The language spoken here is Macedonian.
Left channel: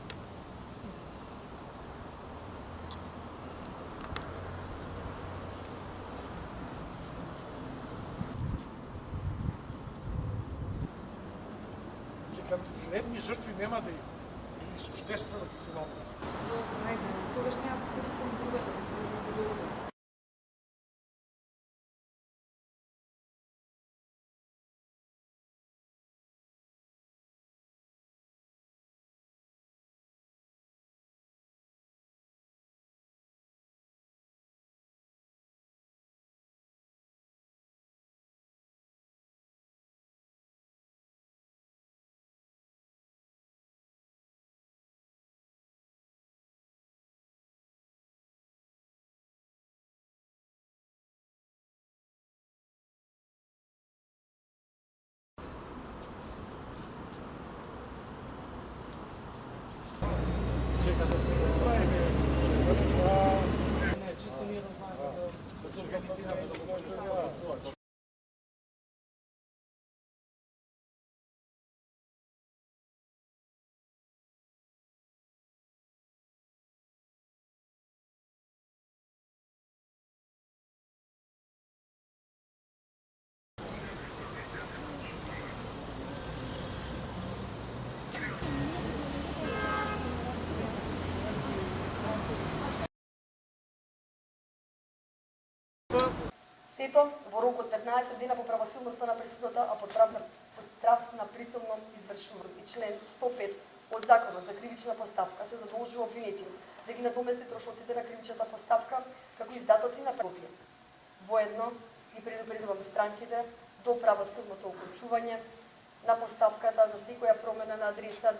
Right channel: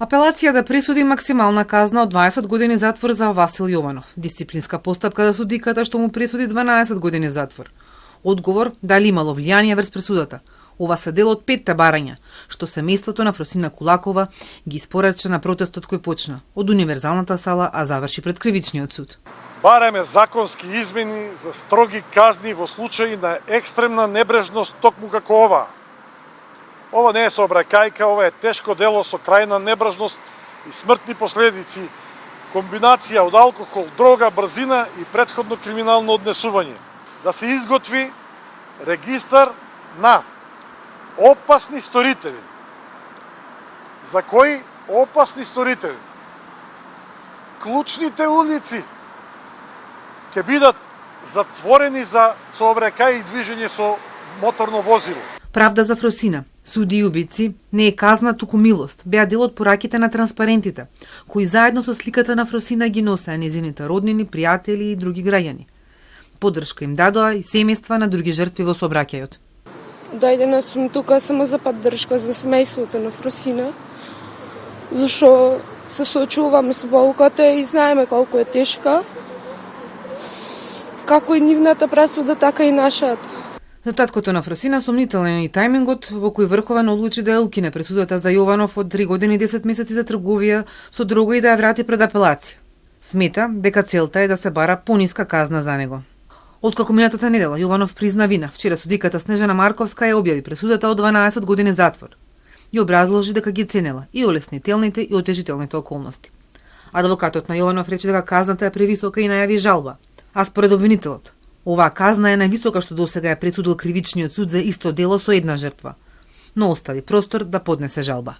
Апелацијата пресуди максимална казна од 20 години затвор за Васил Јованов. Дисциплинска постапка за судиката што му пресуди 12 години затвор. Одговор дали имало влијание врз пресудата. Ова се дел од 5 барања, што семејството на Фросина Кулакова ги испорача на протестот кој почна од универзалната сала, а заврши пред кривичниот суд. Бараме законски измени за строги казни во случаи на екстремна небрежност токму како ова. Ова не е сообраќајка, ова е тешко дело со крајна небрежност и смртни последици, комбинација од алкохол, дрога, брзина и претходно криминално однесување. Да се изготви регистар на опасни сторители. За кои опасни сторители? Клучните улици ќе бидат затворени за сообраќај и движење со моторно возило. Правда за Фросина, суди и убици, не е казна, туку милост, беа дел од пораките на транспарентите, кои заедно со сликата на Фросина ги носеа незините роднини, пријатели и други граѓани. Поддршка им дадоа и семејства на други жртви во сообраќајот. Дојдена сум тука само за поддршка за семејството на Фросина, зашто се соочуваме со болката и знаеме колку е тешка, како и нивната пресуда, така и нашата. За таткото на Фросина сомнителен и тајмингот во кој Врховен одлучи да ја укине пресудата за Јованов од 3 години и 10 месеци за трговија со дрога и да ја врати пред апелација. Смета дека целта е да се бара пониска казна за него. Откако минатата недела Јованов призна вина, вчера судиката Снежана Марковска ја објави пресудата од 12 години затвор. И образложи дека ги ценела и олеснителните и отежителните околности. Адвокатот на Јованов рече дека казната е превисока и најави жалба. А според обвинителот, оваа казна е највисока што досега е пресудил кривичниот суд за исто дело со една жртва, но остави простор да поднесе жалба.